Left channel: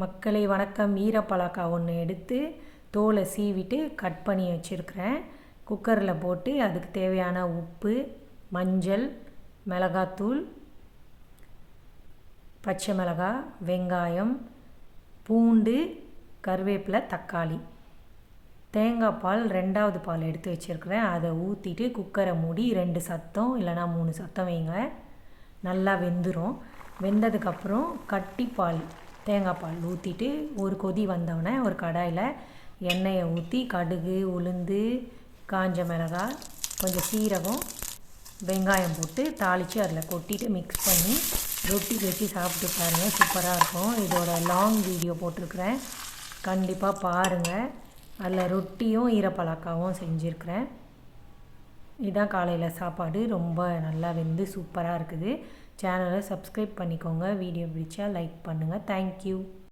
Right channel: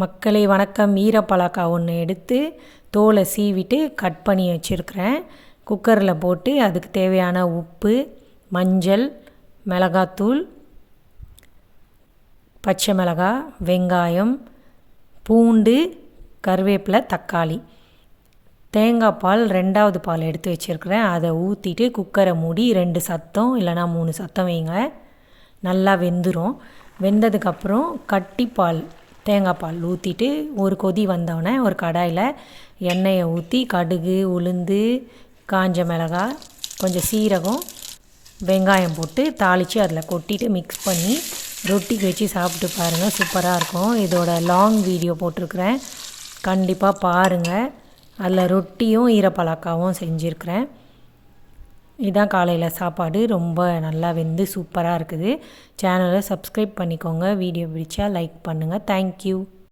மக்களே வணக்கம். ஈரப்பலாக்காய் ஒன்று எடுத்து தோலை சீவிட்டு கட் பண்ணி வச்சுருக்கிறேன். குக்கரில் போட்டு அதுக்கு தேவையான உப்பு, மஞ்சள், மிளகாத்தூள், பச்சை மிளகாய், வெங்காயம், பூண்டு, கருவேப்பிலை, தக்காளி, தேங்காய் பால் 2வது பால் எடுத்து வச்சுருக்கிறேன். அதை ஊற்றிட்டு குக்கரை மூடி 2 சத்தம் இல்லைனா 3 சத்தம் வைங்க. நல்லா வெந்துடும். வெந்ததுக்கப்புறம் கட்டிப்பால் தேங்காய் பால் ஊற்றிட்டு ஒரு கொதி வந்தோடனே ஒரு கடாயில் எண்ணெயை ஊற்றி கடுகு, உளுந்து, காஞ்ச மிளகாய், கொஞ்சம் சீரகம், வெங்காயம் போட்டு தாளித்து அதில் கொட்டிட்டு மிக்ஸ் பண்ணி ரொட்டிக்கு வச்சு சாப்பிட்டு பாருங்கள். சூப்பராக இருக்கும். இதோட லாங் வீடியோ போட்டிருக்கிறேன், கண்டிப்பாக பாருங்கள். அதில் ரொட்டியும் ஈரப்பலாக்காவும் செஞ்சுருக்கிறேன். இதுதான் காலையில் சாப்பாடு. ரொம்ப நல்லா வெந்து சூப்பராக இருக்குது. சேனலை சப்ஸ்கிரைப் பண்ணிக்கோங்க. வீடியோ பிடிச்சா லைக் பண்ணுங்கள். தேங்க்யூ.